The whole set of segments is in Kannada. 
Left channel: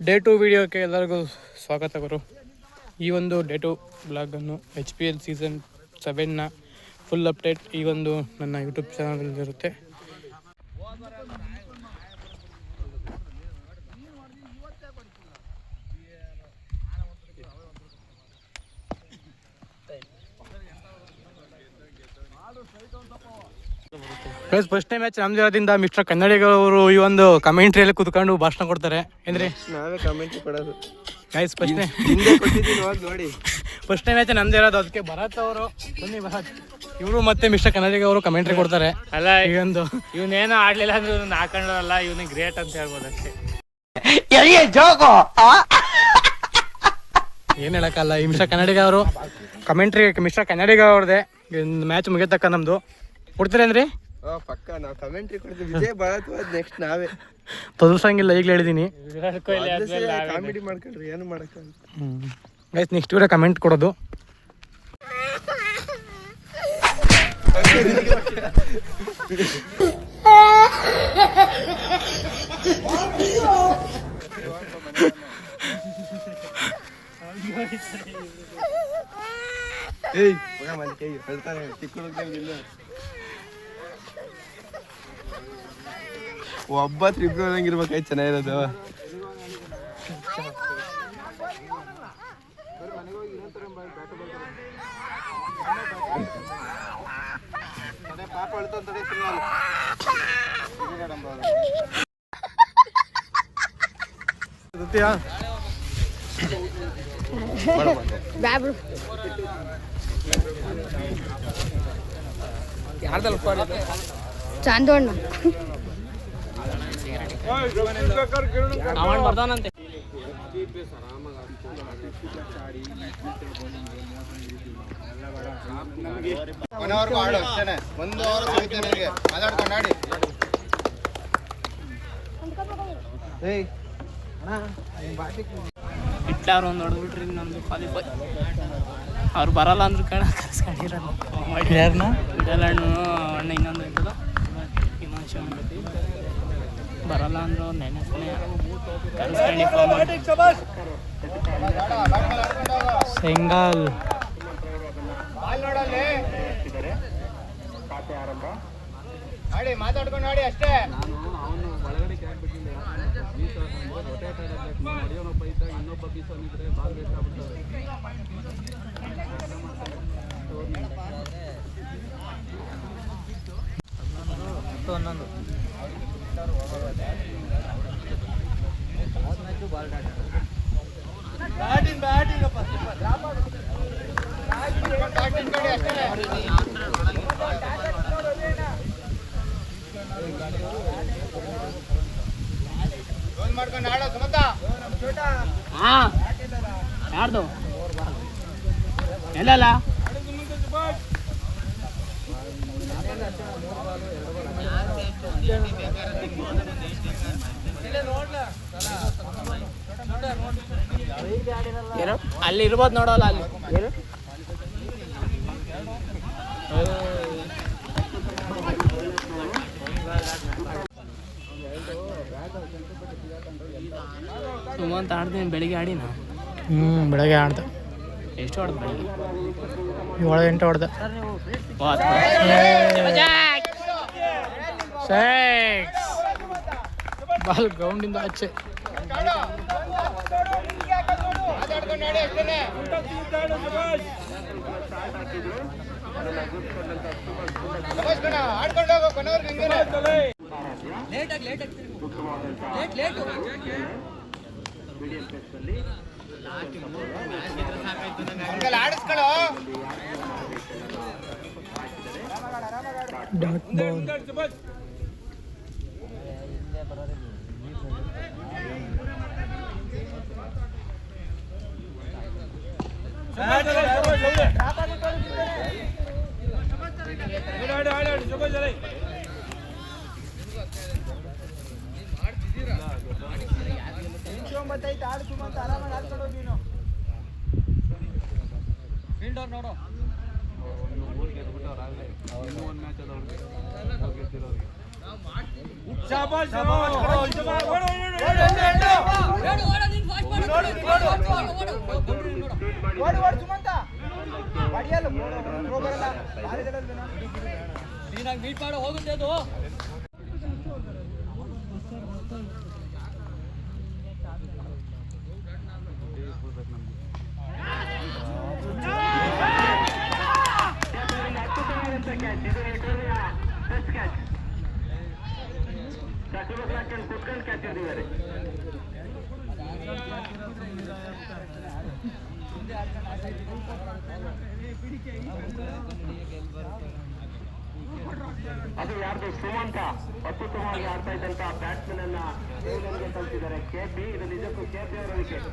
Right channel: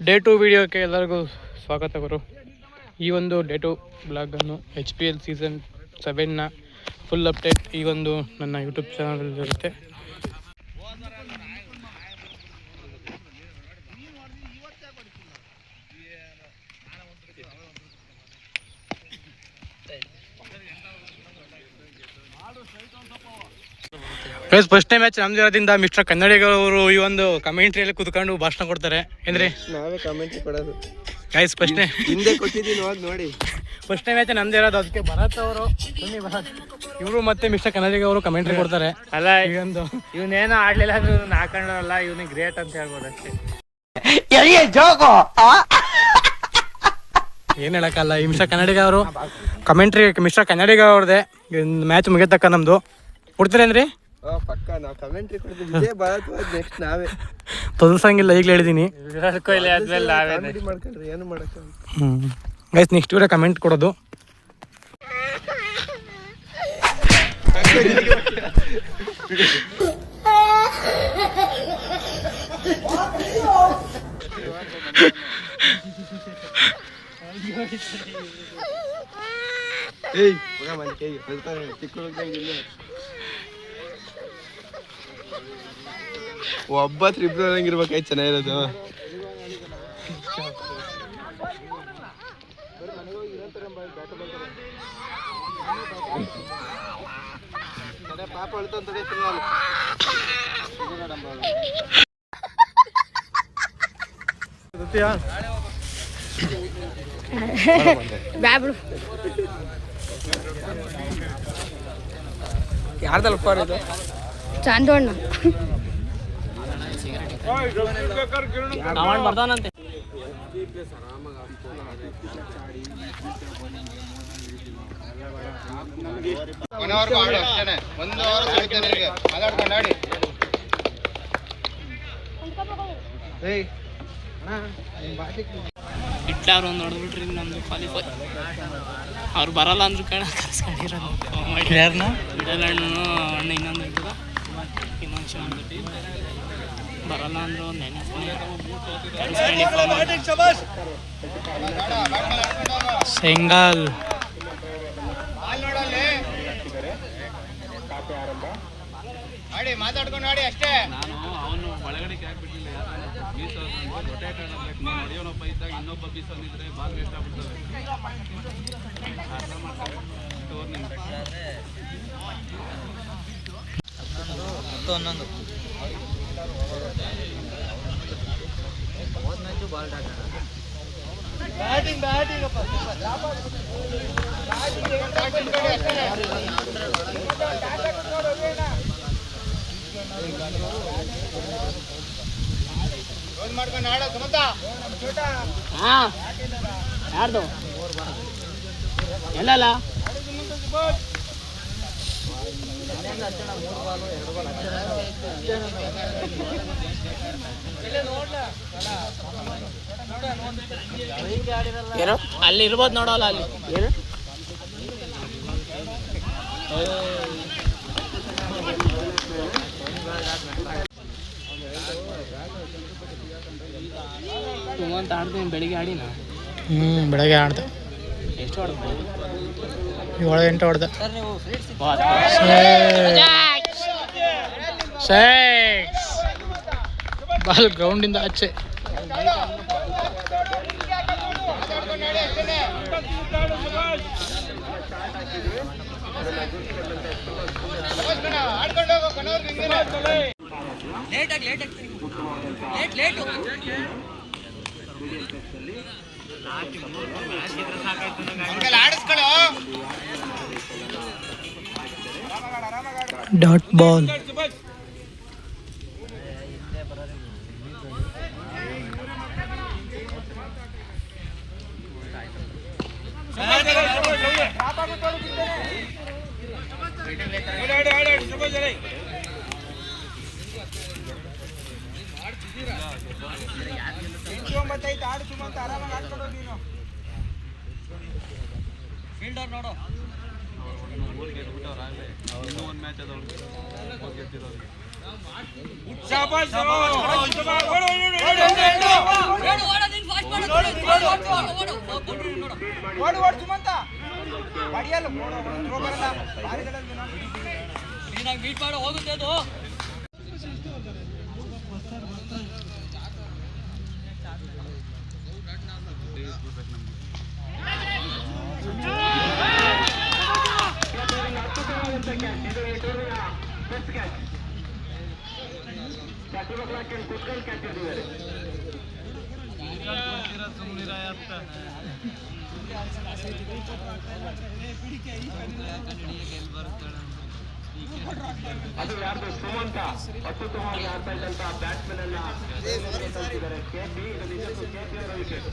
ಡೇ 2 ವಿಡಿಯೋಕ್ಕೆ ಎಲ್ಲರಿಗೂ ಸ್ವಾಗತ ಗುರು. ಈ ಒಂದು ಡೇ 2 ಬ್ಲಾಗನ್ನು HPL ಸೀಸನ್ 7ನ ಫುಲ್ ಅಪ್ಡೇಟ್ ಈ ಒಂದು ನನ್ನ ಯೂಟ್ಯೂಬ್ ಚಾನಲಲ್ಲಿ ಇರುತ್ತೆ. ಗೈಸ್, ಫಸ್ಟ್ನೇ ಮ್ಯಾಚ್ ನಮ್ದಿರೋದ್ರಿಂದ ಮಿಸ್ಟರ್ ಕನ್ನಡಿಗ ಅವರು ಈ ಒಂದು ಕಮೆಂಟ್ರಿಯಲ್ಲಿ ಕೂತ್ಕೊಂಡು ಭಾಷಣ ಕೊಡ್ತಾರೆ. ಏನ್ರಿ ನಾವೇ ಕಮೆಂಟ್ರಿ ಕೊಡೋದು ಗೈಸ್. ಫಸ್ಟ್ನೇ ನೋಡಿ, ಫಸ್ಟ್ನೇ ಮ್ಯಾಚ್ ನಮ್ದೇ ಇರೋದು, ಅದಕ್ಕೆ ಭರತ್ ಅವರು ಇವರು ಮತ್ತೆ ಮಿಸ್ಟರ್ ಕನ್ನಡಿಗ ಅವರು ಕಮೆಂಟ್ರಿ ಕೊಡ್ತಾರೆ. ಅಲ್ಲ, ಇವನೇನೋ ಆಡ್ಲಿಲ್ಲ ಅಂದ್ರೆ ಹಾಕೊಂಡಲ್ಲ, ಇವನಿಗೆ ಗ್ರೇಟ್ ಅಂತ ಹೇಳ್ಬೋದು ಅಷ್ಟೇ. ಏನ್ ಹೇಳಕ್ಕಲ್ಲ. ಈ ಮಿಸ್ಟರ್ ಕನ್ನಡಿಗ ಅವರು ಕಮೆಂಟ್ರಿ ಮಿಸ್ಟರ್ ಕನ್ನಡಿಗ ಅವ್ರದ್ದೇ ಮ್ಯಾಚ್ ಮುಗಿತಕ್ಕ ನಮ್ದು ಕೊಡ್ತೀರೇನ್ರಿ? ಪಕ್ಕ ನಾವು ಕಮೆಂಟ್ರಿ ಕೊಡ್ತೀವಿ. ವಿಜಯ್ ಭಾರತ್ ನೆಕ್ಸ್ಟ್ ನಾವೇ ತೊದಲ್ಸಂಗಿಲ್ಲ, ಈಗಲೇ ಹೇಳಿದೀನಿ. ಕಾಮಿಡಿ ಮಾಡ್ಕೊಂಡ್ರಿ ಏನು ಮಾಡಕ್ಕ. ಗೈಸ್, ನೆಕ್ಸ್ಟ್ ವಿಡಿಯೋ ಕಮೆಂಟ್ ಕೊಡೋದು. ಒಬ್ಬ ತ್ರಿಬ್ರಂಗಿರ್ಬೇಕಾಯ್ತು, ಚೆನ್ನಾಗಿರೋದು. ಪಾಪ ಅಳ್ತಂತಡೆ ಯಾರ್ದಲ್ಲ ಚಾಂದೋಣ್ಣ ಆಡು ಅಷ್ಟೇನೆ. 1 ಅವರ್ ಮಾತಾಡ್ಕೊಂಡು ಮಾಡಿ. ಇಟ್ಲಾರು ಒಂದು ನೋಡ್ಬಿಟ್ರಿ ನಮ್ದು ಕ್ವಾಲಿಫೈ. ಅವ್ರು ಬರಲ್ಲ ಅಂದ್ರು ಕಣ ಕರ್ಸ್ಕೊಂಡಿರೋ ಯಾರನ್ನ ಬಿಡಲ್ಲ ಅಣ್ಣ ಇನ್ನೊಂದು ಇರ್ತದ ಬರಲ್ಲ ಅಂದ್ರು ಸೆಂಗಾಲ್ ಮಾತಾಡ್ಕೊಂಡು ಆಡಿ ಅಷ್ಟೇ. ನಾನು ಅವನು ಒಳಗಡೆ ಹಾಕ್ಬಿಟ್ಟಿಲ್ಲ, ಯಾಕಂದ್ರೆ ಬೀಸ್ ರೊಟೇಟ್ ಆಡಬೇಕು. ನೀನು ಹೊಡೆಯೋನೊಬ್ಬ ಇದ್ದಾಗ ಇನ್ನೊಬ್ಬ ಬೀಸೋನಿದ್ರೆ ಬಾಲ್ ವೇಸ್ಟ್ ಆಗ್ಬಿಡ್ತವೆ. ಅರ್ಥ ಮಾಡ್ಕೋಬೇಕು. ಟೂರ್ನಿಂಗ್ 11 ಮ್ಯಾಚು ಬಾಲ್ ಮಾಡ್ಕೊಂಡು ಆಡೋ ಸುಮಂತ. ಯಾರ್ದು ಎಲ್ಲಲ್ಲ ಅಲ್ಲಿ ಇರ್ಬೋದು ನೋಡಲ್ಲ. ಅಲ್ಲಿ ಸುಮಂತ ಆಡ್ತೀನಿ. ಬೆಳಿಗ್ಗೆ ಆಡಿನ ಬೆಳಗ್ಗೆ ಆಡ್ದೆ. ಎಷ್ಟು ಆಡ್ದು? 7-8 ಹೊಡೆದ. ಬಾಲ್ ಗ್ರೌಂಡಿಂದ ಆಚೆ. Dot ball. ಫೀಲ್ಡರ್ ನೋಡು. ಇನ್ನು 3 ಗೆದ್ಬಿಟ್ಟವ್ರು ಆಗಲೇ. ಇನ್ನೂ 1 ಮ್ಯಾಚ್ ಅದ ಅವ್ರಿಗೆ ಗೆದ್ದಿರೋರಿಗೆ. ಶಾಬಾಷ್ ಮೀಟ್ ಮಾಡೋ ಹೋಗುತ್ತೆ ಅದು. ಅದು ಯಾರ್ದು ಸುಮಂತ ಅತ್ಯುತ್ತಮವಾಗಿ ಆಡ್ತಾ ಇದ್ದಂತಹ ಬ್ಯಾಟ್ಸ್ಮನ್ ಅನ್ನ ಕಳಿಸಿದ್ದಾರೆ ಕೆಪಿ. ಇದು ನಿಜಕ್ಕೂ ಕೆಪಿ ಅವರ ವಿಕೆಟ್.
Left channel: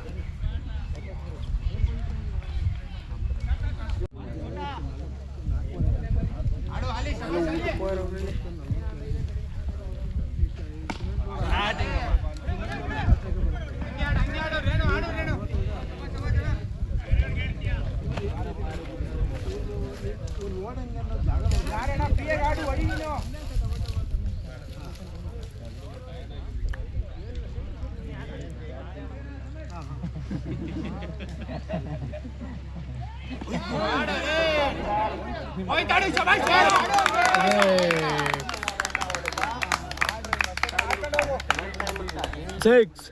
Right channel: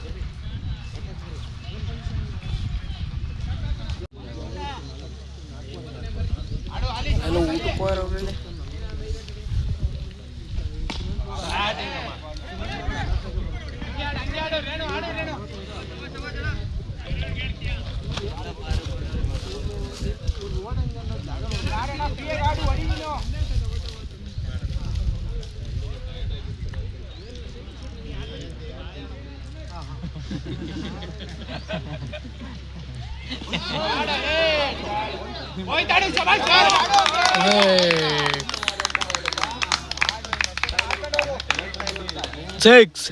ಸಿಕ್ಸ್.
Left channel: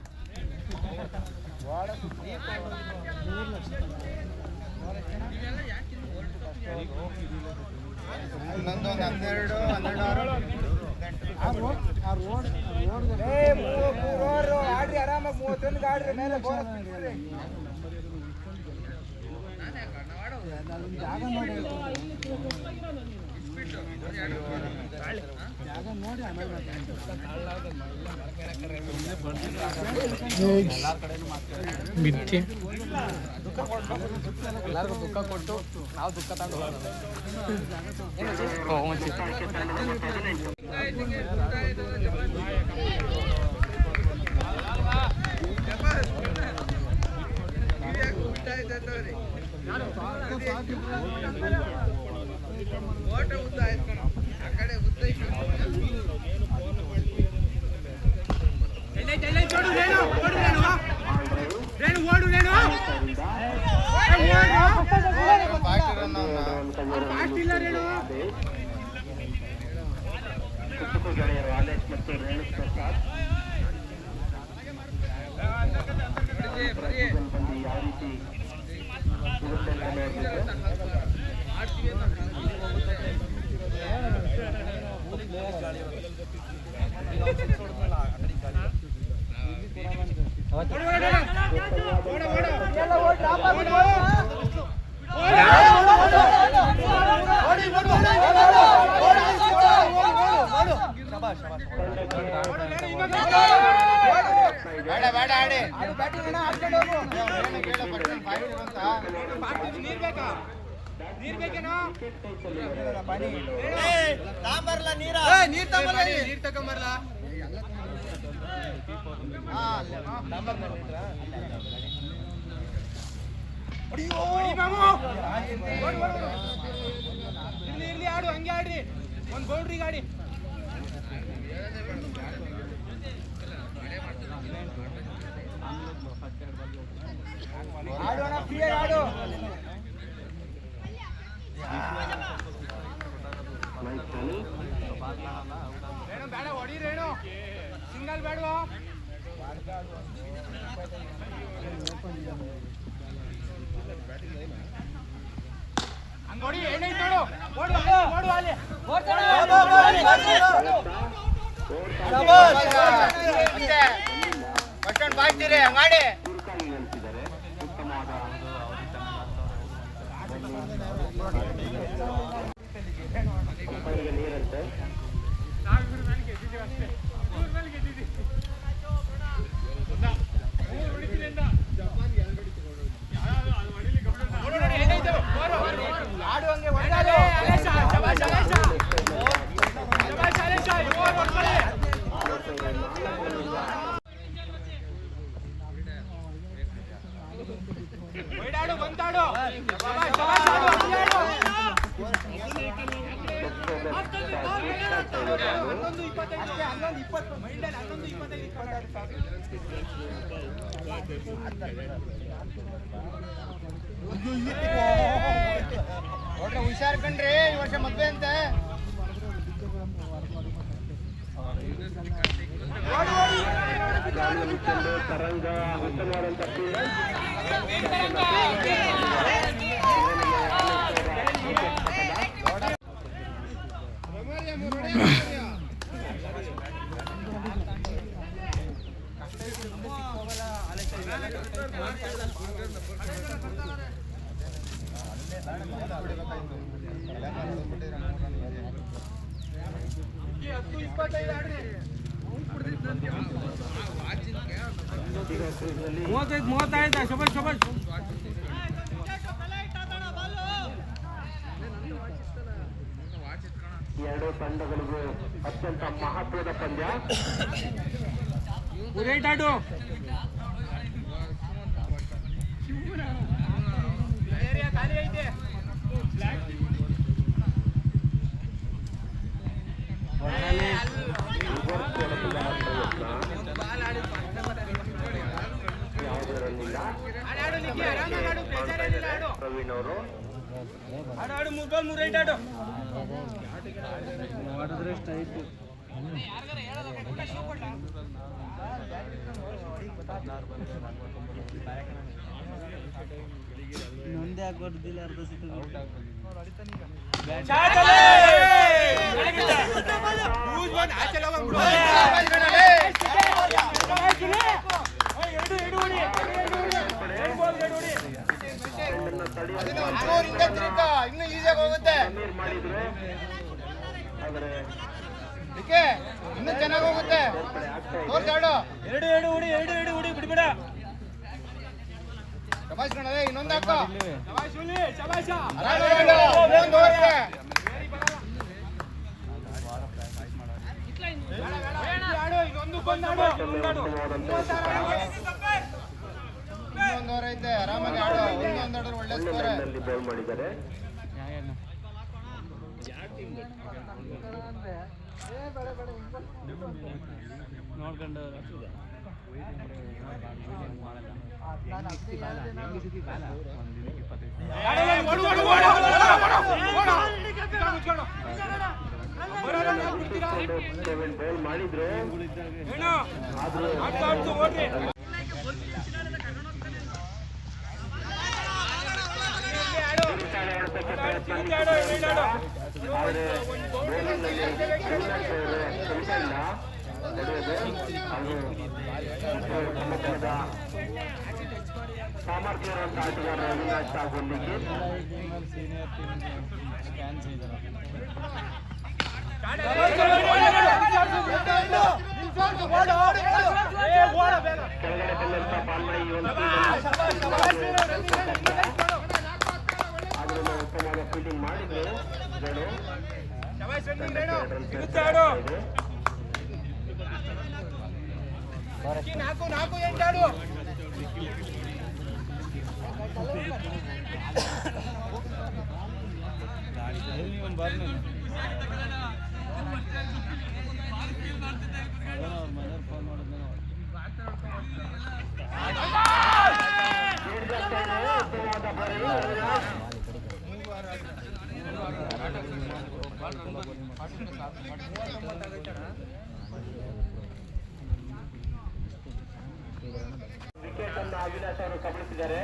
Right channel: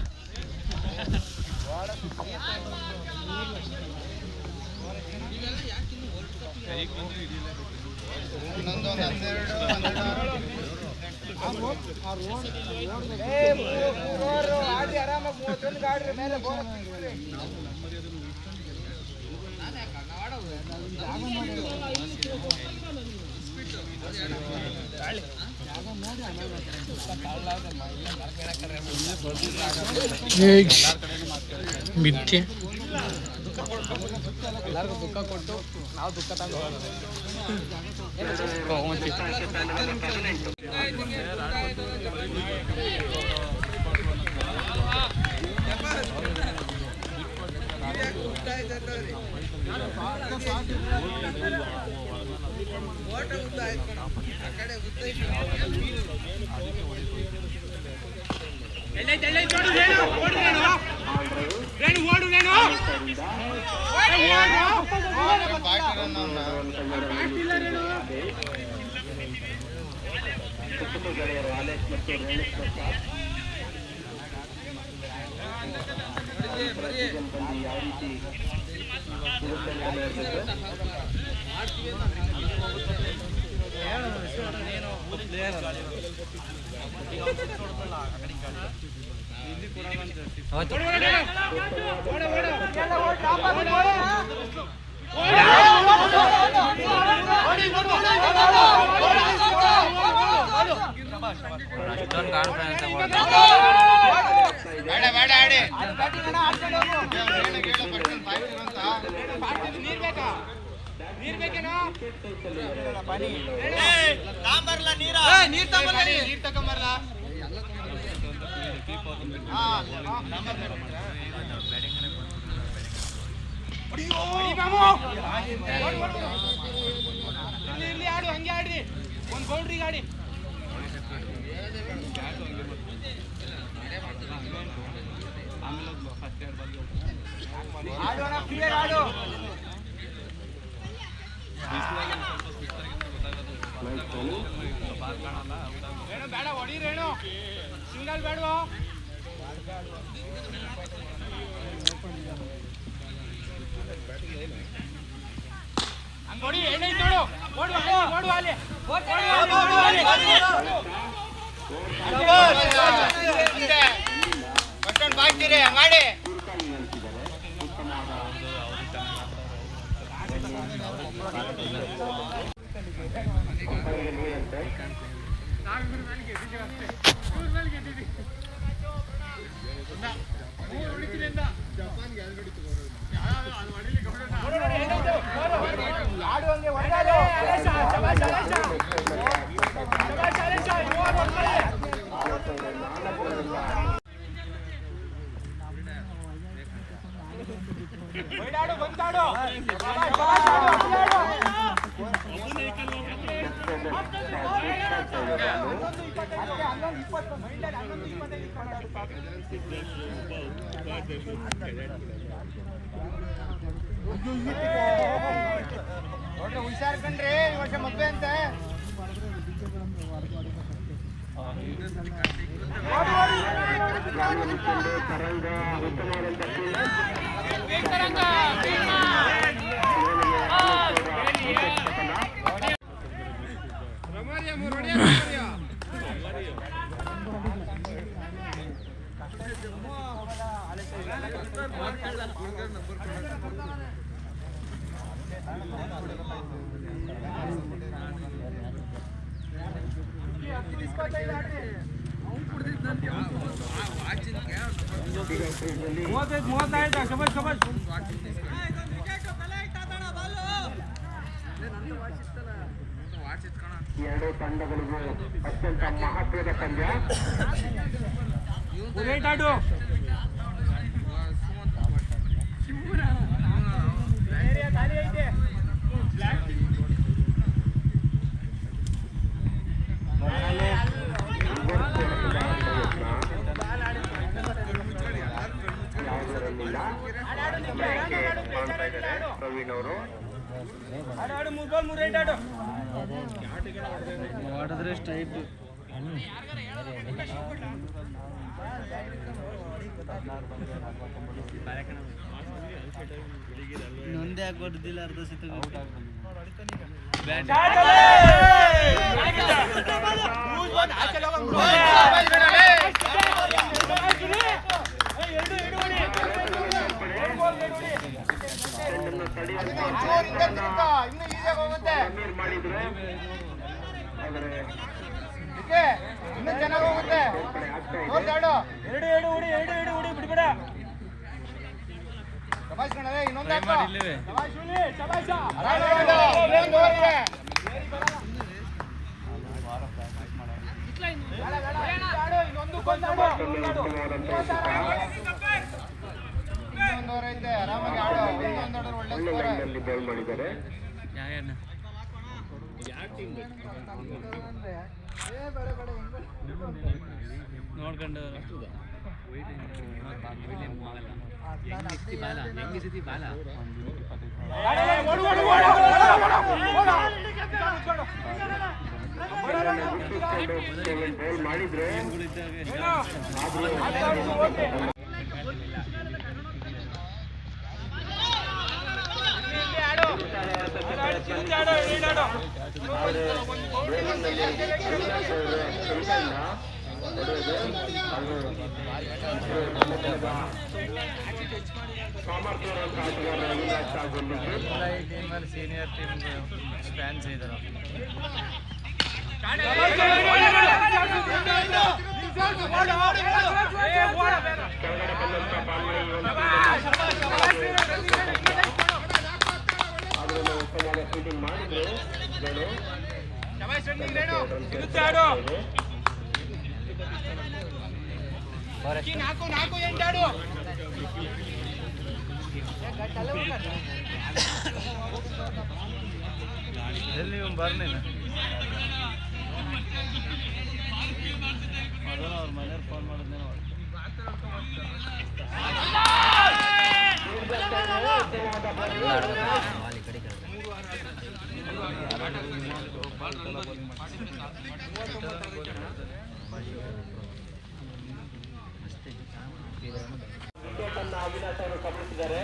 ಬಿದ್ದೆ ಎಲ್ಲರಿಗೂ ದುಃಖ ಕೊಟ್ಟು ನಾವು ದುಃಖ ತಗೊಂಡು ಗೆಳೆಯರು ಆಲೇಶ್ ಮತ್ತು ರೇಣುಕ್ ಪ್ರಸಾದ್ ಬಂದು ಯಾವ ರೀತಿ ಇರುತ್ತೆ ಅಂತ ನೋಡ್ತಿದ್ದೆ. ಆಡು ಹಂಗೆ ಆಡ್ರಿ, ಒಂದು ಬೌಂಡ್ರಿ ಗಾಡಿ ಬೇಡ ಹೊಡೀರೇನು, ಸಿಂಗಲ್ ಬೇಡವಾ ನೋಡಿ ಏನೈತೆ ನೋಡು, ಓಡುವ ಅಲ್ಲಿ ಬಾಯ್ತೀರಿ ಹಂಗಾಡಿ ಹುಷಾರ್ ಕಣ್ರಿ ಈ ವರ್ಷ ಮದ್ವೆ ಅಂತ ತರಂಗ ಉತ್ತಮವಾದಂಥ ಎರಡು ತಂಡಗಳಿಗೂ ಅತ್ಯಂತ ಮಹತ್ವದ ಪಂದ್ಯ. ಯಾವುದರಲ್ಲಿಲ್ಲ ಪ್ರವೀಣ್ ಅವರು ಮಾಡಿದ್ರೆ ಸ್ಟ್ರೈಟ್ ನೊಂದೇ ಹಾಕೊಡ್ದಿಲ್ಲ ಅರ್ಧ ಸಿತ ಇನ್ನು ಈಸಿಯಾಗಿ ಹೋಗುತ್ತೆ ಇನ್ನು ಚೆನ್ನಾಗಿ ಹೋಗುತ್ತೆ ಎರಡು ಹುಡಿ ಬಿಡ್ಬೇಡ ಇನ್ನೊಂದು ಐತೆ ಆರಾಮಾಗಿ ಆಡೋ ಒಳ್ಳೆ ಬೌಲ್ ಮಾಡಿದ್ದಾರೆ. ನೋಡ್ಕೊಂಡು ಬೌಲ್ ಮಾಡಿದ್ರು ಆದ್ರೂ ಕೆಲಸ ಇಲ್ಲ ಹೊಡೆಯೋದು ಸಾಮರ್ಥ್ಯವಂತ ಆಟಗಾರ ಅವಿನಾಶ್ ಆಗೊಂಡಿದ್ದು ಸೀನಿಯರ್ ಟೀಮ್ ಫ್ಯಾನ್ಸ್ ಇದ್ದಾರೆ. ಕೆಳಗಡೆ ಬಂದಂತ ಆದ್ರೂ ಉತ್ತಮವಾದ ಫೀಲ್ಡಿಂಗ್ ಮಾಡಿದ್ರು ಗಡು ಎಲ್ಲಿ ಬರ್ಲಿಲ್ಲ ಅವ್ರ ಮನೆಯವ್ರು ಫೋನ್ ಮಾಡಿದ್ನೇ ವಿಕೆಟನ್ನು ಅವಿನಾಶ್ ಅವರು ಕಬಳಿಸಿದ್ದಾರೆ.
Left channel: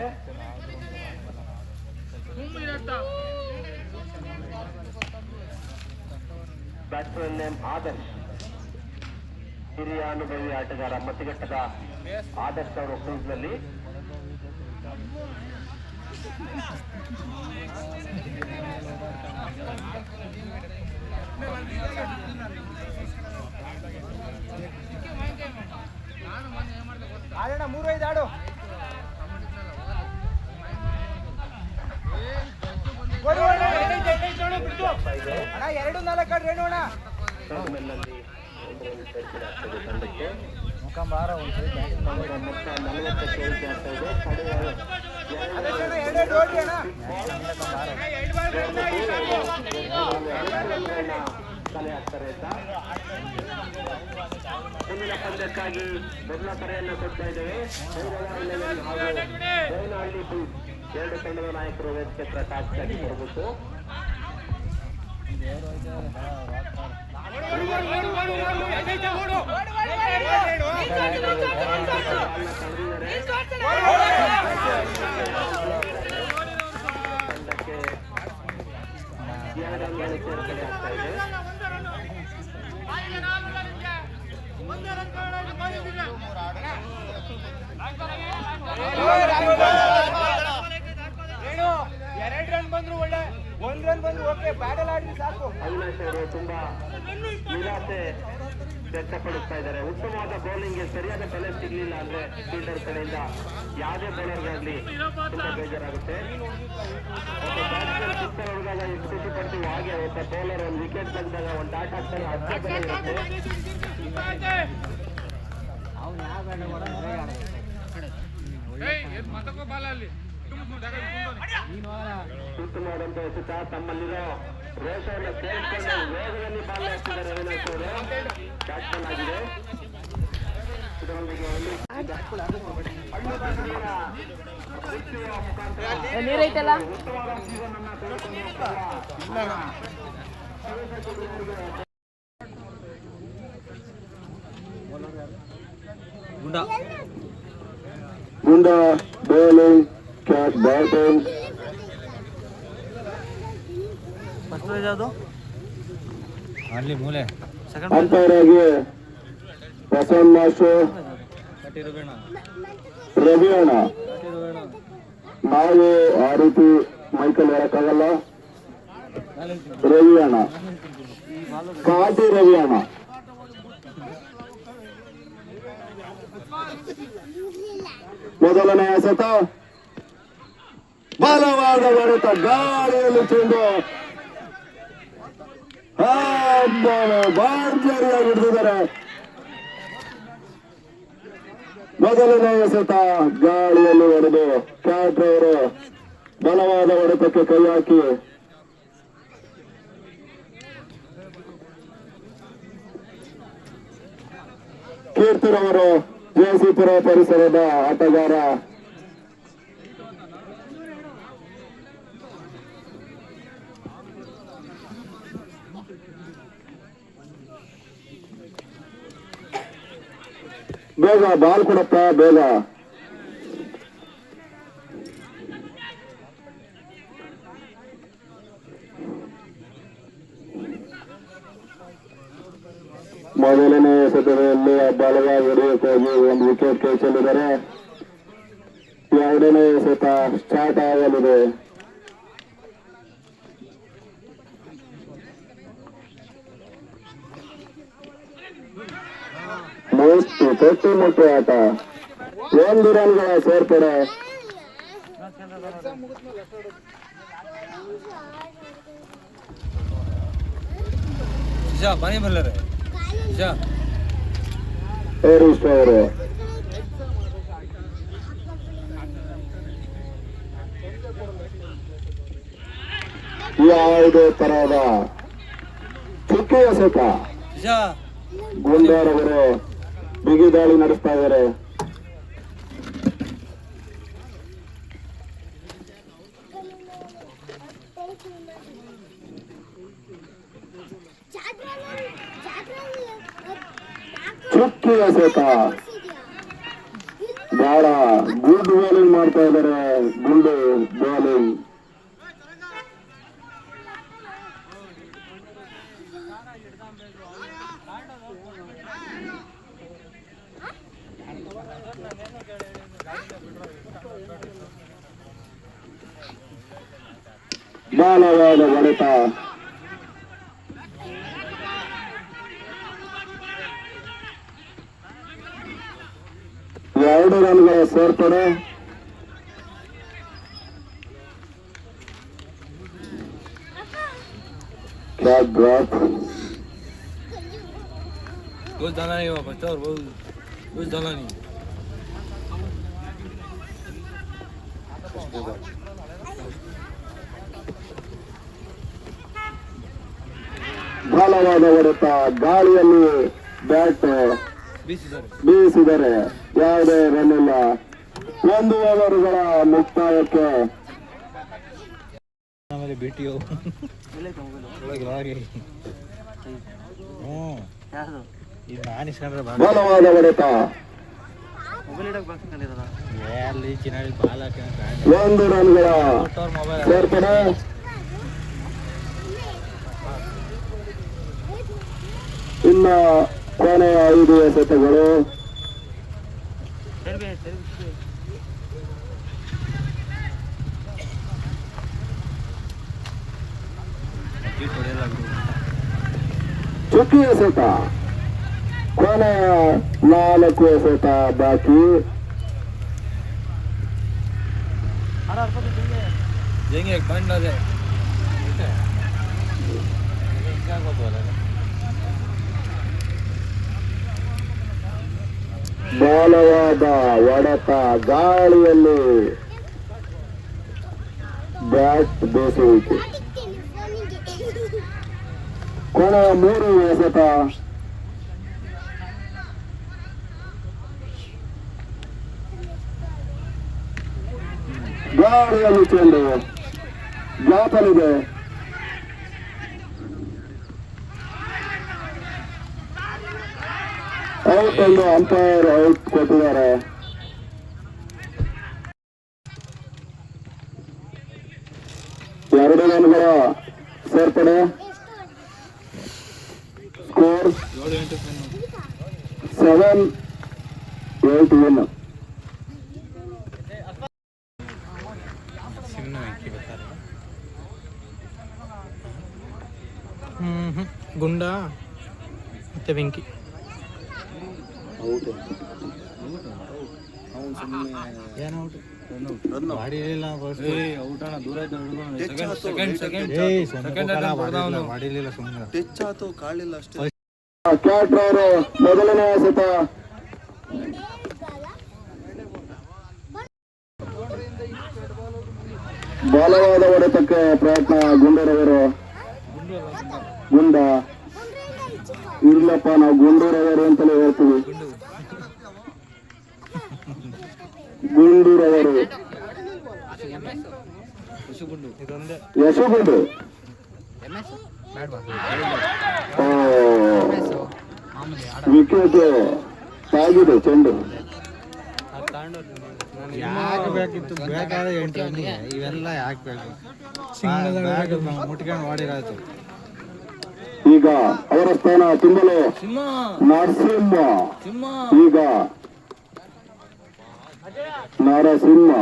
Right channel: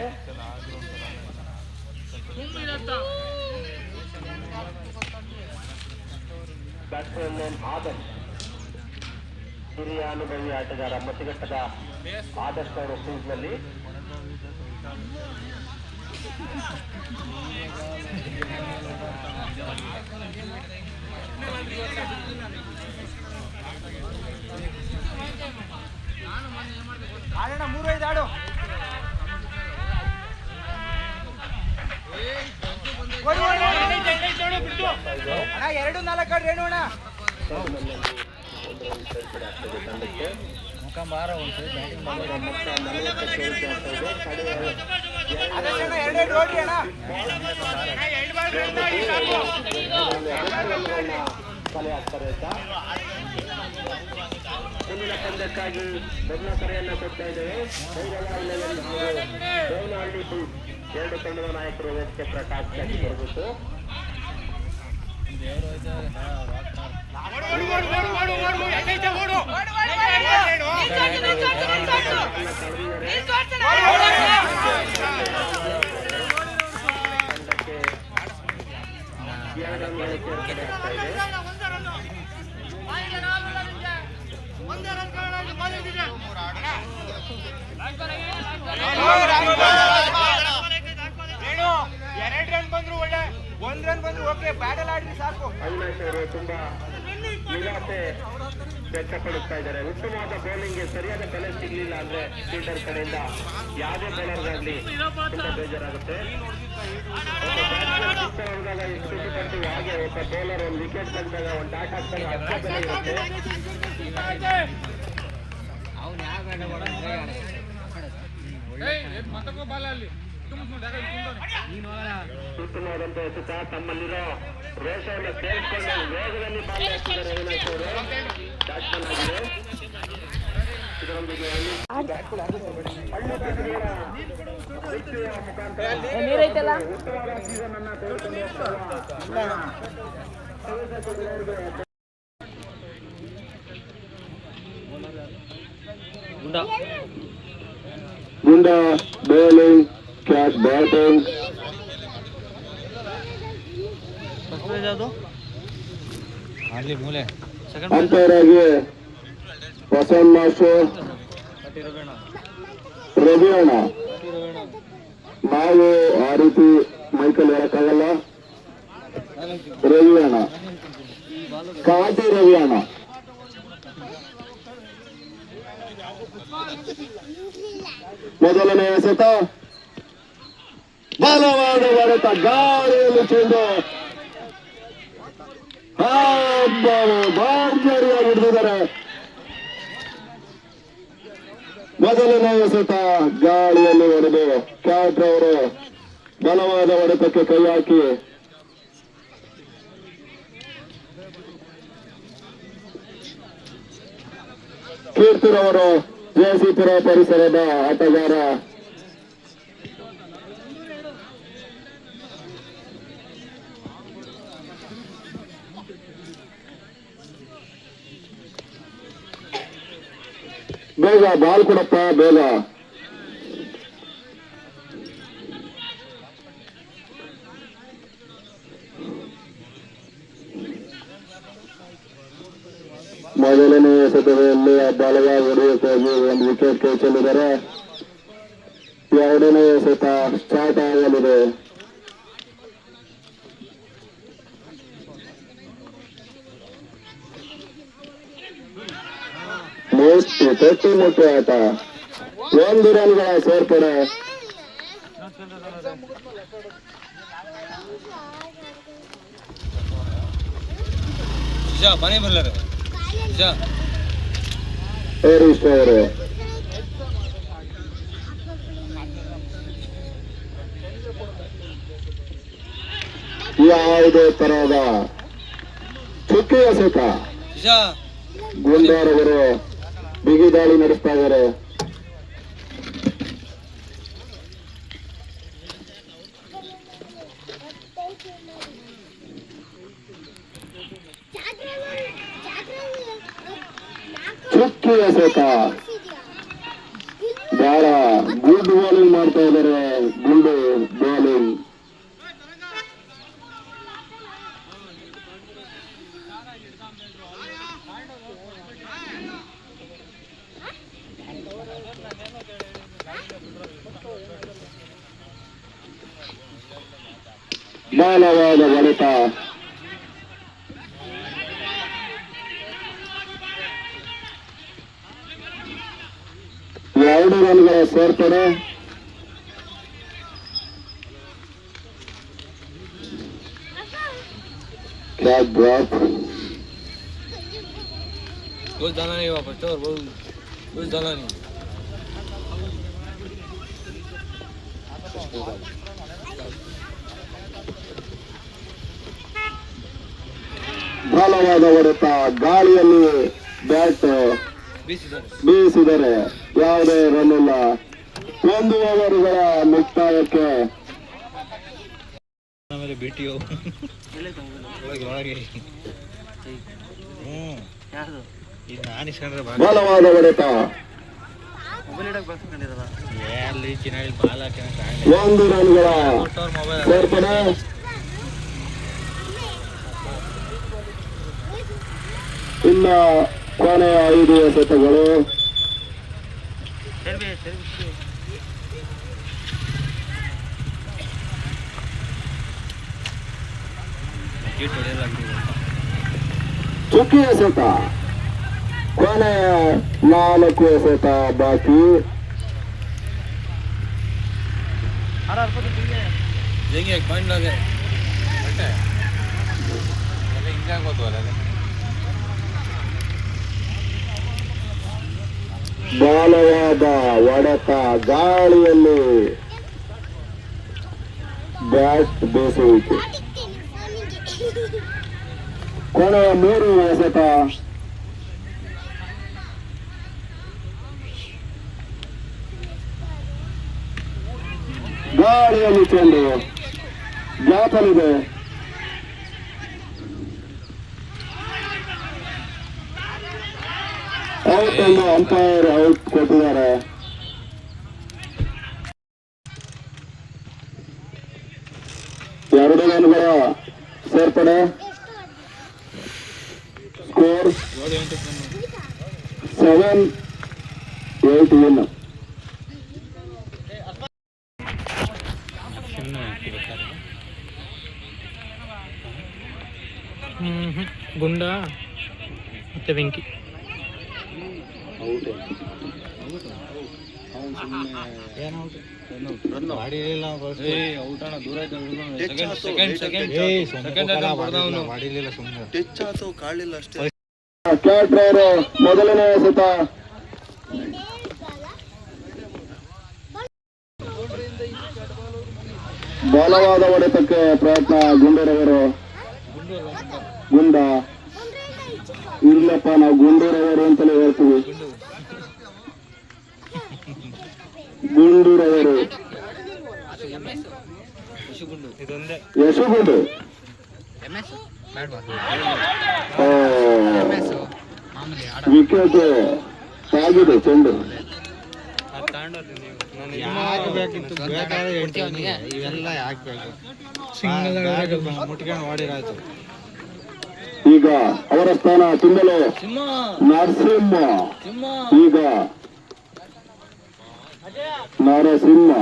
ಬ್ಯಾಟ್ಸ್ಮನ್ ನೇಮ್ ಆದರ್ಶ್, ಹಿರಿಯ ಅನುಭವಿ ಆಟಗಾರ ಮತಿಘಟ್ಟದ ಆದರ್ಶ್ ಅವರು ಕ್ರೀಸ್ನಲ್ಲಿ. ಆಡೋಣ 3-5 ಆಡು ಎರಡು 4 ಆಡ್ರಿ ಹೇಳೋಣ ತಂಡಕ್ಕೆ ಮುಖಂಬಾರ ಒಂದು ಬ್ಯಾಟಿಂಗ್ ಮೊತ್ತ 40 ಆಗ್ತಾ ಇದೆ. ಕಲೆ ಹಾಕ್ತಾರೆ ಅಂತ ಮುಂದಿನ ಪಂದ್ಯಕ್ಕಾಗಿ ಮೊದಲ ಕರೆಯನ್ನ ಕೊಡ್ತಾ ಇದ್ದೇವೆ. ಭೈರವ 11 ಹಾಗೂ ದೇವನಹಳ್ಳಿ ಬುಲ್ಸ್ ಎರಡು ತಂಡದ ನಾಯಕರು ವೇದಿಕೆ ಪ್ರಕಾಶ್ ಬರಬೇಕು. ಎರಡು ರನ್ ಬಂದ್ರು ಒಳ್ಳೆ, ಒಂದ್ ರನ್ ಬಂದ್ರು ಓಕೆ, ಬ್ಯಾಟಲ್ ಆಡಿದ್ರೆ ಸಾಕು. ಅವಿನಾಶ್ ಅವರು ತುಂಬಾ ನಿರಾಸೆ ವ್ಯಕ್ತಪಡಿಸ್ತಾ ಇದ್ದಾರೆ. ಉತ್ತಮವಾದ ಬೌಲಿಂಗ್ಗೆ ಸರಿಯಾದ ಬೆಲೆ ಸಿಗಲಿಲ್ಲ ಅಂದ್ರೆ ಫೀಲ್ಡರ್ ಕಡೆಯಿಂದ ಯಾವುದೇ ಬೌಲರ್ಗಾಗ್ಲಿ ತುಂಬಾ ಬೇಜಾರಾಗುತ್ತೆ. ಒಬ್ಬ ಬ್ಯಾಟ್ಸ್ಮನ್ ಸಿಕ್ಸರ್ ಹೊಡೆದಾಗ ಎಷ್ಟು ಖುಷಿ ಪಡ್ತೀವಿ, ಹಾಗೆ ಒಬ್ಬ ಬೌಲರ್ ಒಂದು ವಿಕೆಟ್ ತೆಗೆದಾಗ ಒಂದು ಡಾಟ್ ಹಾಕ್ತಾರೆ, ಅಷ್ಟೇ ಬೆಲೆ ಇರುತ್ತೆ. ಉತ್ತಮವಾದಂತ ಎಸೆತ, ತಮ್ಮಲ್ಲಿರೋ ರೋಷವನ್ನು ಸೇರಿಸಿಕೊಂಡು ವೇಗದಲ್ಲಿ ಬಾಲ್ ಹಾಕ್ತಿದ್ದಾರೆ ಅವಿನಾಶ್ ಅವರು. ಬ್ಯಾಟ್ಸ್ಮನ್ ಆಗಿದೆ. ಇದರೊಂದಿಗೆ ಗುಂಡ ಬೌಲಿಂಗ್, ಕ್ಯಾಚ್ ಬ್ಯಾಟಿಂಗ್. ಅಂಪೈರ್ ಆಗಿ ವಸಂತ್ ಮಾಸ್ಟರ್, ರವಿ ಅಣ್ಣ. ನಾವು ಆ ರೀತಿ ಮೈಕಲ್ ಹೇಳಕ್ಕಾಗಲ್ಲ. ರವಿ ಅಣ್ಣ, ಕಾಟಿ ರವಿ ಅಣ್ಣ. ಮೊದಲನೇ ಎಸೆತ, ಬಲವಾದ ಹೊಡೆತ, ಗಾಳಿಯಲ್ಲಿ ಚೆಂಡು ಭರ್ಜರಿಯಾಗಿ ಹಿಡಿದಿದ್ದಾರೆ. ಮೊದಲನೇ ಎಸೆತ ಗಾಳಿಯಲ್ಲಿ ಹೊಡೆದು ಕ್ಯಾಟ್ ಅವರು ಬಲವಾದ ಹೊಡೆತಕ್ಕೆ ಕೈ ಹಾಕಿ ಕೀರ್ತಿರವರು ಜಯಸಿಪುರ ಪರಿಸರದ ಆಟಗಾರ. ಬೇಗ ಬಾಲ್ ಕೊಡಪ್ಪ, ಬೇಗ. ಮೊದಲನೇ ಎಸೆತದಲ್ಲಿ ಬಲವಾಗಿ ಹೊಡೆಯಕ್ಕಾಗಿ ಒಂದು ವಿಕೆಟ್ ಕೈ ಚೆಲ್ಲಿದ್ದಾರೆ. ಎರಡನೇ ಎಸೆತ ಸ್ಟಾರ್ಟ್ ಆಗಲಿದೆ. ತೊಟ್ಟಿ ಮುಟ್ಟಿ ಆಟ, 1 ರನ್ಗಳ ಸೇರ್ಪಡೆ. ಹರೀಶ್ ಅವರು ಯಾವುದೇ ತರಹದ ಚುಕ್ಕಿ ಎಸೆತ, ಗುಂಡಾರವರು ಬಿಗಿ ದಾಳಿ ನಡೆಸ್ತಾ ಇದ್ದಾರೆ. ಚುಕ್ಕಿ ಎಸೆತ, ಬಹಳ ಗುಡ್ ಬೌಲಿಂಗ್ ಮಾಡ್ತಾ ಇದ್ದಾರೆ. ಗುಂಡು ಬೌಲಿಂಗ್. ಬಲವಾದ ಹೊಡೆತ, ಎರಡು ರನ್ಗಳ ಸೇರ್ಪಡೆ. Catch drop. ಬಲವಾದ ಹೊಡೆತ, ಗಾಳಿಯಲ್ಲಿ ಬ್ಯಾಟ್ ಬೀಸಿದರೆ ಯಾವುದೇ ರನ್ ಇಲ್ಲ. 1 ಓವರುಗಳ ಮುಕ್ತಾಯಕ್ಕೆ ಬಲವಾದ ಹೊಡೆತ. 1 ರನ್ಗಳ ಸೇರ್ಪಡೆ. ಇನ್ನ ಕೊನೆಯ 5 ಎಸೆತಗಳು. ಚುಕ್ಕಿ ಎಸೆತ. ಕೊನೆಯ 4 ಎಸೆತ ಬಾಕಿ. ಬಲವಾದ ಹೊಡೆತ. ಗಾಳಿಯಲ್ಲಿ ಬ್ಯಾಟ್ ಬೇಸುವಿಕೆ. ಕೊನೆಯ 3 ಎಸೆತ. ಗಾಳಿಯಲ್ಲಿ ಚೆಂಡು ಗ್ಯಾಪಲ್ಲಿದೆ. ಔಟ್ ಎಂದು ಅಂಪೈರ್ ಔಟ್ ಕೊಟ್ಟಿದ್ದಾರೆ. ಎರಡು ರನ್ಗಳ ಸೇರ್ಪಡೆ. Score 7-8 win. ಗುಂಡ ಮತ್ತೆ ಬೆಂಕಿ. ಕ್ಯಾಟ್ರವರು ಮೊದಲನೇ ಎಸೆತ. ಬಲವಾದ ಹೊಡೆತಕ್ಕೆ ಪ್ರಯತ್ನ. ಗುಂಡೂರವರು. ಗುಂಡ ಇರ್ಲಪ್ಪ, ನಾವು ಗುಂಡೂರವರು ಅಂತಲೇ ಹೇಳ್ತೀವಿ. ಗುಂಡೂರವರು. ಯಶಗುಂಡು. ವಿಕೆಟ್ ತಾಗಿದೆ ಚೆಂಡು. ಈಗ ಅವರ ಸ್ಥಾನ ತುಂಬಲು ನರಸಿಂಹ. ಈಗ ನರಸಿಂಹ.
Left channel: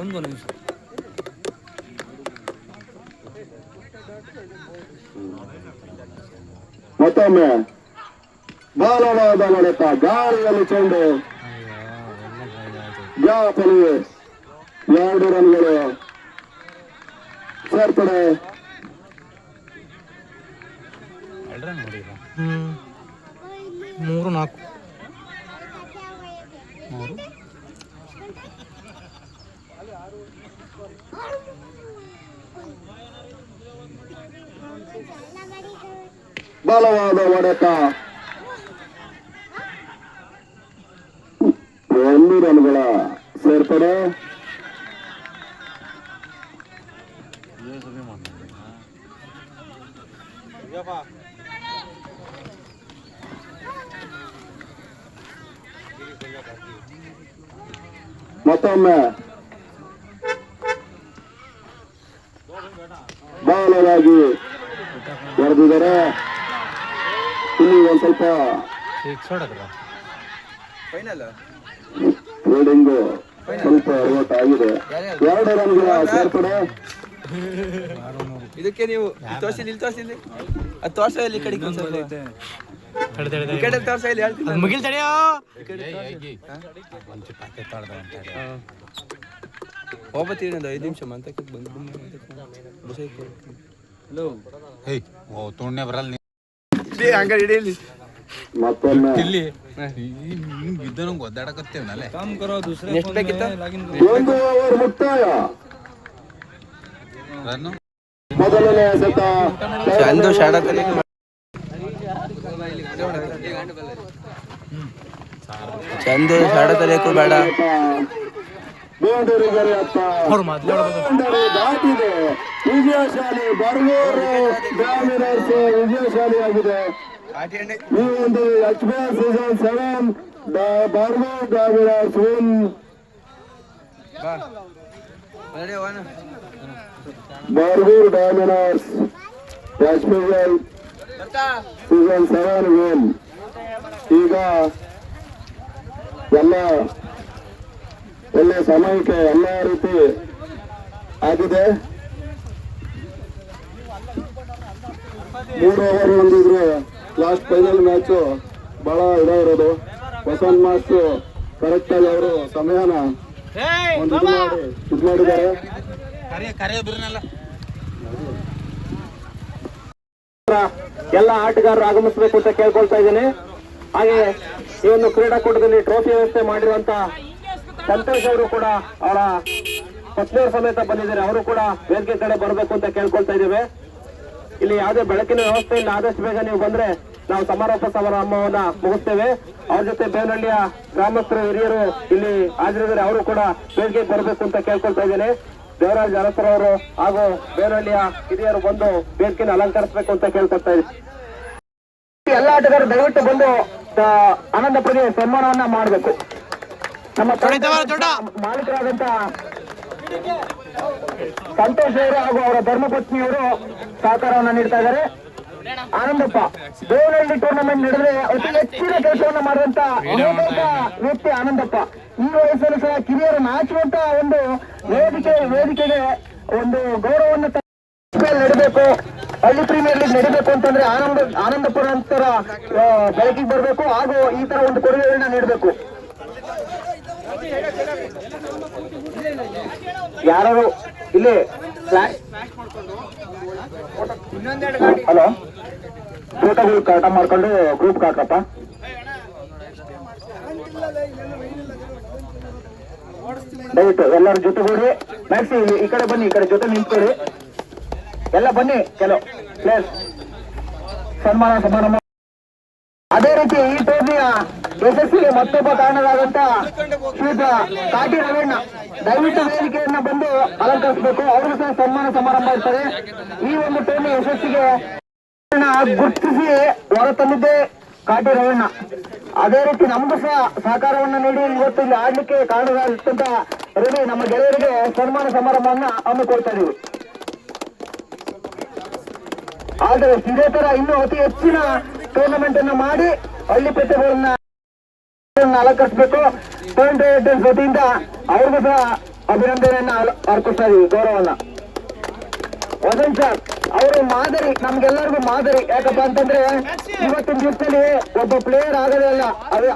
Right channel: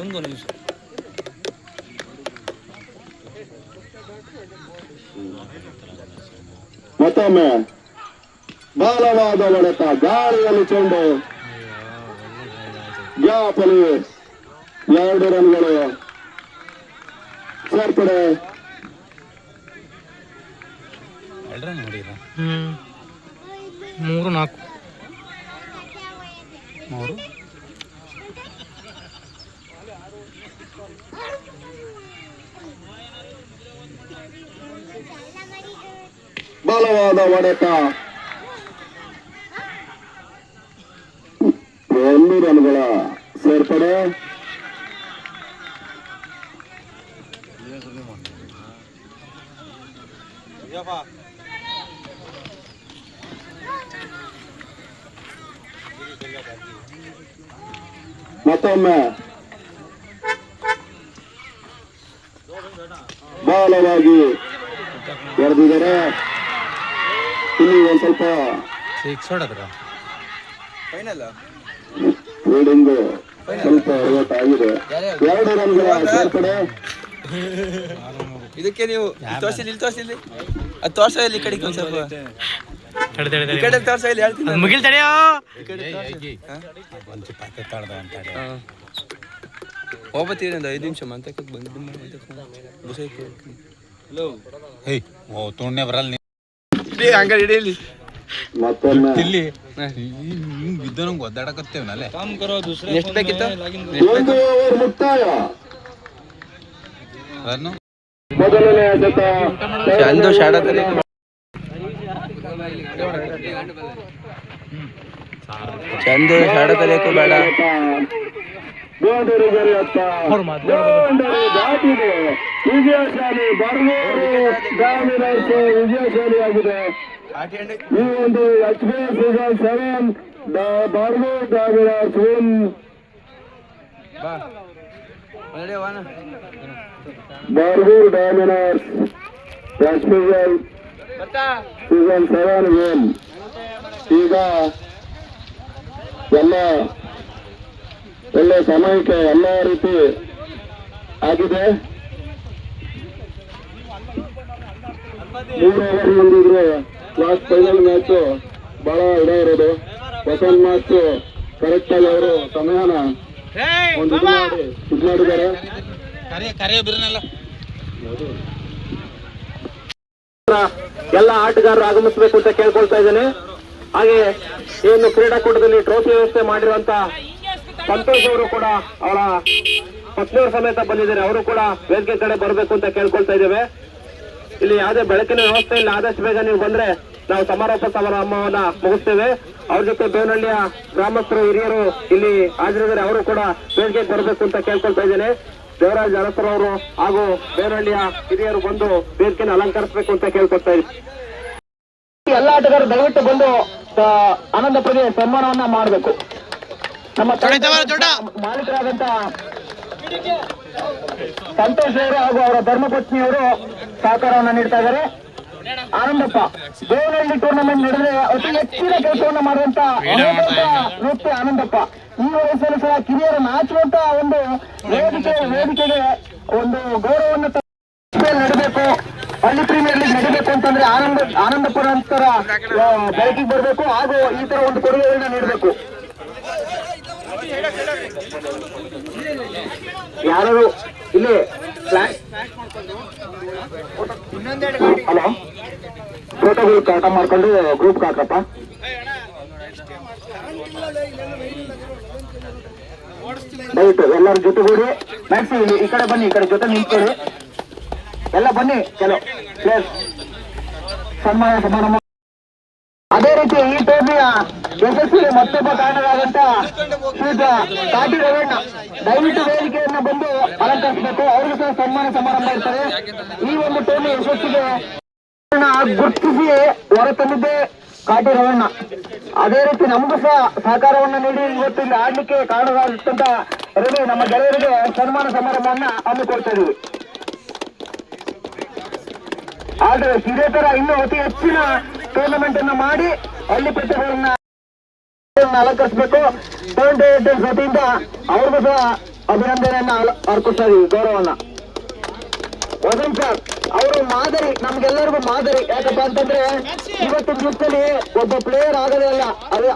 ಒಂದು ನಿಮಿಷ. ಮತ್ತೊಮ್ಮೆ ಬಲವಾದ ಹೊಡೆತ. ಗಾಳಿಯಲ್ಲಿ ಚೆಂಡು ಗ್ಯಾಪಲ್ಲಿ 2 ರನ್ಗಳು ಸೇರ್ಪಡೆ. 3-4. ಬಲವಾದ ಹೊಡೆತ. 2 ರನ್ಗಳ ಸೇರ್ಪಡೆ. ಮತ್ತೊಮ್ಮೆ ಬಲವಾಗಿ ಹೊಡೆದಿದ್ದಾರೆ. ಇಲ್ಲಿ ಒಂದ್ ಸ್ವಲ್ಪ ಫೀಲ್ಡಿಂಗ್ ಸ್ವಲ್ಪ ಎಡವಟ್ ಆಗಿದೆ. 2 ರನ್ಗಳ ಸೇರ್ಪಡೆ. ಇದಕ್ಕೆ ನೀವು ತೋರಿಸಿಲ್ಲ, ಇಲ್ಲಿ ತೋರಿಸಿಲ್ಲ, ಅದು ತೋರ್ಸ ಇಲ್ಲಿ ಕಡೆಗೆ ಒಂದು ಸ್ವಲ್ಪ ತೋರ್ಸ ಇಲ್ಲಿ ಹೇಳ್ತೀನಿ. ಮುಗಿಲ್ ತಡೆಯೋ. ಹೋಗ್ಬತ್ತೀರಿ ಒಂದು 5 ನಿಮಿಷ ಮಂತಕ್ಕೆ ಬಂದು ಹಲೋ. ತುಣ್ಣೆ ಬರಲ್ಲ ಹಂಗ ಹಿಡಿಯಲಿ. ಮತ್ತೊಮ್ಮೆ ಎಷ್ಟು ಬೇಕಿತ್ತು ಒಂದು ಓವರ್ ಮುಕ್ತಾಯ. ಮೊದಲನೇ ಎಸೆತ ಚಂದು ಶಾಡದಲ್ಲಿ ಚಂದು ಶಾಡಕಲೇಕು ಬೇಡ ಬೌಂಡರಿ ಗರಿಯತ್ತ ಬೌಂಡರಿ ದಾಟಿದೆ. ವಿಜಯಶಾಲಿ ಬರ್ಗೂರು ಗ್ರಾಮೀಣರ್ಸ್ ವಿಜಯಶಾಲಿಯಾಗಿದೆ. ಈ ಒಂದು HPL ಸೀಸನ್ 7 ಬರ್ಗೂರು ಗ್ರಾಮೀಣರ್ಸ್ win. Bargur diamonds HPL season 7 win. ಈಗ ಎಲ್ಲ ಒಳ್ಳೆ ಸಮಯಕ್ಕೆ ಎಲ್ಲ ರೀತಿ ಆಗಿದೆ. 3 ಓವರ್ ಮುಂದಿದ್ರು ಲಾಸ್ಟ್ ಫೈನಲ್ ಮ್ಯಾಚ್ ಬಹಳ ಇರೋದು. ವಸಂತ್ ಮಾಸ್ಟರ್ ಕರೆಕ್ಟ್ ಆಗಿ ಅವರು ಸಮಯನ ಒಂದು ಇದು ಮಾಡಿದ್ದಾರೆ. ಎಲ್ಲ ಆಟಗಾರರು ಆಗಮಿಸಬೇಕು ಅಂತ ಕೇಳ್ಕೊಳ್ತಾ ಇದ್ದೇನೆ. ಹಾಗೆ ಏನು ಕ್ರೀಡಾಕೂಟದಲ್ಲಿ ಟ್ರೋಫಿ ವ್ಯವಸ್ಥೆ ಮಾಡಿರುವಂತ ಸಂತೋಷ್ ಅವರು ಕೂಡ ಅವರ ಪತ್ನಿಯರ ಸಮೇತ ಬಂದಿದ್ದಾರೆ. ಅವರು ಕೂಡ ವೇದಿಕೆ ಕಡೆ ಬರಬೇಕು ಅಂತ ಕೇಳ್ಕೊಳ್ತಾ ಇದ್ದೇವೆ. ಇಲ್ಲಿ ಯಾವುದೇ ಬೆಳಕಿನ ವ್ಯವಸ್ಥೆ ಇಲ್ಲ. ಆದಷ್ಟು ಬೇಗ ನೀವು ಬಂದ್ರೆ ನಾವು ಸಮಾರೋಪ ಸಮಾರಂಭವನ್ನ ಮುಗಿಸ್ತೇವೆ. ಅವ್ರ ಜೊತೆ ಬೇವನಹಳ್ಳಿಯ ಗ್ರಾಮಸ್ಥರು ಹಿರಿಯರು ಇಲ್ಲಿ ಹಾಜರಿದ್ದಾರೆ. ಅವರು ಕೂಡ ವೇದಿಕೆಗೆ ಬರಬೇಕು ಅಂತ ಕೇಳ್ಕೊಳ್ತಾ ಇದ್ದೇನೆ. ದೇವರಾಜ್ ಅರಸರ್ ಅವರು ಹಾಗೂ ಬೇವನಹಳ್ಳಿಯ ಹಿರಿಯರು ಬಂದು ವೇದಿಕೆಯನ್ನು ಅಲಂಕರಿಸಬೇಕು ಅಂತ ಕೇಳ್ಕೊಳ್ತಾ ಇದ್ದೀವಿ. ಎಲ್ಲ ಆಟಗಾರರು ದಯವಿಟ್ಟು ಬಂದು ಆನಂದ ಪಡೆದ ಸನ್ಮಾನವನ್ನ ಮಾಡಬೇಕು. ನಮ್ಮ ಮಾಲೀಕರಾದಂತ ಸಂತೋಷ್ ಅವರು ಹಾಗೂ ಅವರ ಧರ್ಮಪತ್ನಿಯವರು ಸಹಕಾರವನ್ನ ನೀಡ್ತಾ ಇದ್ದಾರೆ. ಆನಂದಪ್ಪ ಬೇವನಹಳ್ಳಿ ಟೂರ್ನಮೆಂಟ್ ನಡೆದ್ರೆ ಅತಿ ಹೆಚ್ಚಿನ ಕೆಲಸವನ್ನ ಮಾಡುವಂತ ವ್ಯಕ್ತಿ ಆನಂದಪ್ಪ. ಈ ವಯಸ್ಸಲ್ಲಿ ಸಹ ಕಿರಿಯರು ನಾಚುವಂತ ಒಂದು ವೇದಿಕೆಗೆ ಒಂದು ಗೌರವವನ್ನು ನಡೀಬೇಕು. ಹಳ್ಳಿ ಪ್ರೀಮಿಯರ್ ಲೀಗ್ ನಡೀಬೇಕು ಅಂತಂದ್ರೆ ಆನಂದಪುರ ನಂತರ ಬೆಳಕಿಗೆ ಬರಬೇಕು ಹಾಗೂ ಈ ತರ ಒಂದು ಕೊಡುಗೆಗಳನ್ನ ನೀಡಬೇಕು. ಯಾರು ಇಲ್ಲಿ ಹಲೋ ಫೋಟೋಗಳು ಕಾಟ ಮಾಡ್ಕೊಂಡು ಗ್ರೂಪ್ ಹಾಕಪ್ಪ. ದಯವಿಟ್ಟು ಎಲ್ಲರ ಜೊತೆಗೂಡಿ ಮ್ಯಾಕ್ಸಿ ಈ ಕಡೆ ಬನ್ನಿ, ಈ ಕಡೆ ಜೊತೆ ನಿಂತ್ಕೊಳ್ಳಿ. ಎಲ್ಲ ಬನ್ನಿ. ಕೆಲವು ಪ್ಲೇಸ್ ಸನ್ಮಾನ. ಅದೇ ರೀತಿ ಈ ಟೂರ್ನಿಯ ಯಶಸ್ವಿಗೆ ಮತ್ತೊಬ್ಬ ಕಾರಣವಾದಂತ ಶ್ರೀ ಕಾಟಿ ರವೀಣ್ಣ ದಯವಿಟ್ಟು ವೇದಿಕೆಯನ್ನ ಬಂದು ಅಲಂಕರಿಸಬೇಕು. ಅವ್ರಿಗೂ ಸಹ ಸನ್ಮಾನ ಸಮಾರಂಭ ಇರ್ತಾರೆ. ಈ ಒಂದು ಟೂರ್ನಿ ಯಶಸ್ವಿಗೆ ಗುರುತಿಸಿ ಹೊರತಂದಿದ್ದೆ ಕಾಟಿ ರವೀಣ್ಣ. ಅದೇ ರೀತಿ ನಮಗೂ ಸಹ ಸಹಕಾರವನ್ನು ನೀಡಿ ಇವತ್ತು ಇಲ್ಲಿ ಆಡ್ಲಿಕ್ಕೆ ಕಾರಣವಾಗಿರ್ತಂತ ರವಿ ನಮ್ಮ ಗೆಳೆಯರಿಗೆ ಸನ್ಮಾನ ಸಮಾರಂಭವನ್ನ ಹಮ್ಮಿಕೊಡ್ತಾ ಇದ್ದೀವಿ. ಆದರೆ ಇದೇ ತರ ಇನ್ನೂ ಅತಿ ಹೆಚ್ಚಿನ ಟೂರ್ನಮೆಂಟ್ ಅನ್ನ ಮಾಡಿ ಹಳ್ಳಿ ಪ್ರತಿಭೆಗಳನ್ನ ಅಲಂಕರಿಸಬೇಕು. ಟೋನ್ ಡೈರೆಕ್ಟರ್ಸ್ ವತಿಯಿಂದ ಅವ್ರಿಗೂ ಸಹ ಅಭಿನಂದನೆಯನ್ನ ಅರ್ಪಿಸ್ತಾ ಇದೀವಿ, ಗೌರವನ್ನ. ವಸಂತ್ ಸರ್ ಅವರು ಮಾದರಿ, ನಮ್ಗೆಲ್ಲರಿಗೂ ಮಾದರಿ. ಯಾಕಪ್ಪ ಅಂತಂದ್ರೆ ಇವತ್ತಿನ ದಿವಸದಲ್ಲಿ ಒಬ್ಬ ಪ್ಲೇಯರ್ ಆಗೋದೇ ಅಲ್ಲ,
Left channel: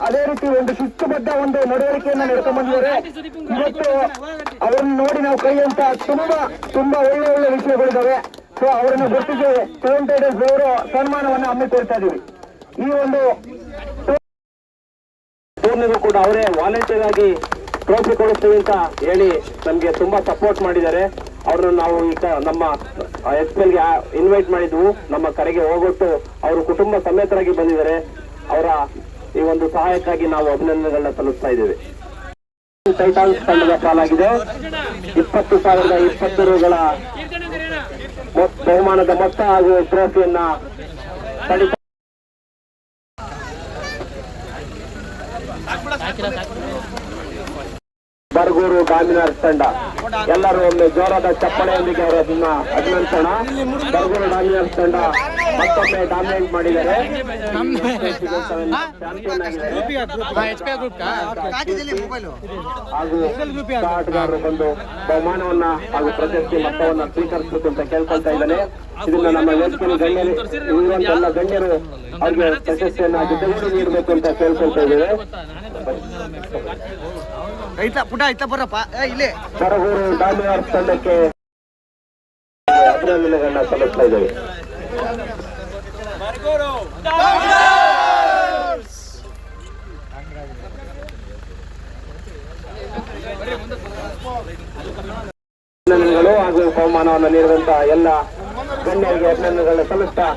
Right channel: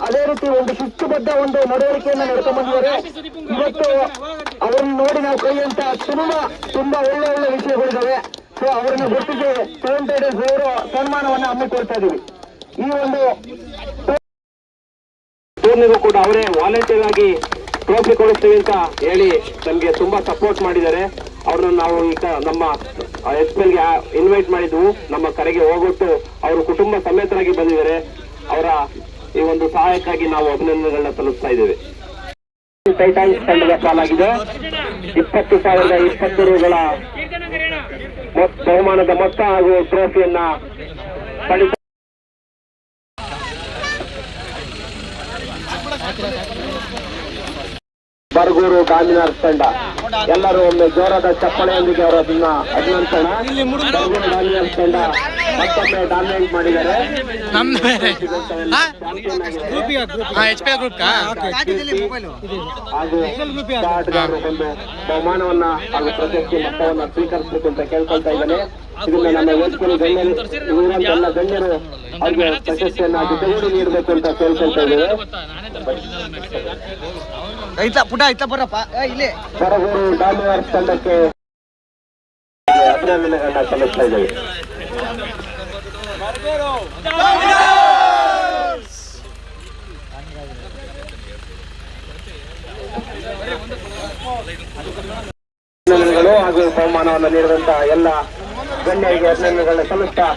ಅದೇ ರೀತಿ ಒಂದು ಶಿಸ್ತುಬದ್ಧ ಒಂದು ನಡವಳಿಕೆಯನ್ನ ನಡ್ಕೊಂಡ್ ಬಂದಿದ್ದಾರೆ. ಇವತ್ತು ಅವರನ್ನು ನೋಡಿ ನಾವು ಕಲಿಯುವಂತ ತುಂಬಾ ಒಳ್ಳೆ ವಿಷಯಗಳಿದ್ದಾವೆ. ಸೊ ಅವರನ್ನು ಗುರುತಿಸಿ ಟೋನ್ ಡೈರೆಕ್ಟರ್ಸ್ ಅವರು ಸನ್ಮಾನವನ್ನ ಹಮ್ಮಿಕೊಳ್ತಾ ಇದೀವಿ. ಈ ಒಂದು ಟೂರ್ನಿಗೂ ಕೂಡ ಅವರೇ ವಾಲಂಟಿಯರ್ ಆಗಿ ಟ್ರೋಫಿ ಕೊಡಿಸ್ತೀವಿ ಅಂತ ಹೇಳಿ ನಮ್ಗೆ ತುಂಬಾ ಸಪೋರ್ಟ್ ಮಾಡಿದ್ದಾರೆ. ಅವ್ರನ್ನ ನಾವು ಈಗ ನಮ್ಮ HPLಗೆ ಇನ್ವೈಟ್ ಮಾಡಿದ್ವು. ನಮ್ಮ ಕರೆಗೆ ಹೋಗೊಟ್ಟು ಅವರು ಕುಟುಂಬ ಸಮೇತರಾಗಿ ಬಂದಿದ್ದಾರೆ. ಅವರ ಈ ಒಂದು ಸಹಾಯಕ್ಕಾಗಿ ನಾವು ಅಭಿನಂದನೆಗಳನ್ನ ಸಲ್ಲಿಸ್ತಾ ಇದ್ದೇವೆ. ಟೈಟಾನ್ಸ್ ತಂಡದ ಪಾಲಾಗಿದೆ 20,020 ರೂಗಳ ಬಹುಮಾನದ ಮೊತ್ತ ಹಾಗೂ ಟ್ರೋಫಿಯನ್ನ ಪಡಿತ ಬರ್ಗೂರು ಡಾಮಿನರ್ಸ್ ತಂಡ ಎಲ್ಲರೂ ಒಂದು ಜೋರಾದ ಚಪ್ಪಳೆಯೊಂದಿಗೆ ಅವರು ಅದನ್ನ ಅಭಿನಂದಿಸೋಣ. ಬರ್ಗೂರು ಡಾಮಿನರ್ಸ್ ತಂಡ ಮತ್ತೊಮ್ಮೆ ಡಾಮಿನೇಟ್ ಮಾಡಿದ್ದಾರೆ. ಹಾಗೂ ಆಟಗಾರರು ಬಂದು ಬಹುಮಾನವನ್ನ ಹಾಗೂ ಪ್ರಶಸ್ತಿ ಮೊತ್ತವನ್ನ ಸ್ವೀಕರಿಸಬೇಕು ಅಂತ ಕೇಳ್ಕೊಳ್ತಾ ಇದ್ದಾನೆ. ಇದನ್ನ ನಮ್ಮ ವೇದಿಕೆಯಲ್ಲಿ ಎಲ್ಲ ಗಣ್ಯರು ಅವ್ರಿಗೆ ಪ್ರಶಸ್ತಿಯನ್ನ ಜೊತೆಗೂಡಿ ನೀಡಬೇಕು ಅಂತ ಕೇಳ್ಕೊಳ್ತಾ ಇದ್ದೇವೆ. ಬರಗೂರು ಡಾಮಿನರ್ಸ್ ತಂಡಕ್ಕೆ ಅಭಿನಂದನೆಗಳನ್ನ ಸಲ್ಲಿಸ್ತಾ ಇದ್ದೇವೆ. ಅಭಿನಂದನೆಗಳು ಹಾಗೂ ಬಹುಮಾನವನ್ನು ನೀಡಿದಂತಹ ಎಲ್ಲ ಗಣ್ಯರಿಗೆ ಅಭಿನಂದನೆಗಳನ್ನು ಸಲ್ಲಿಸ್ತಾ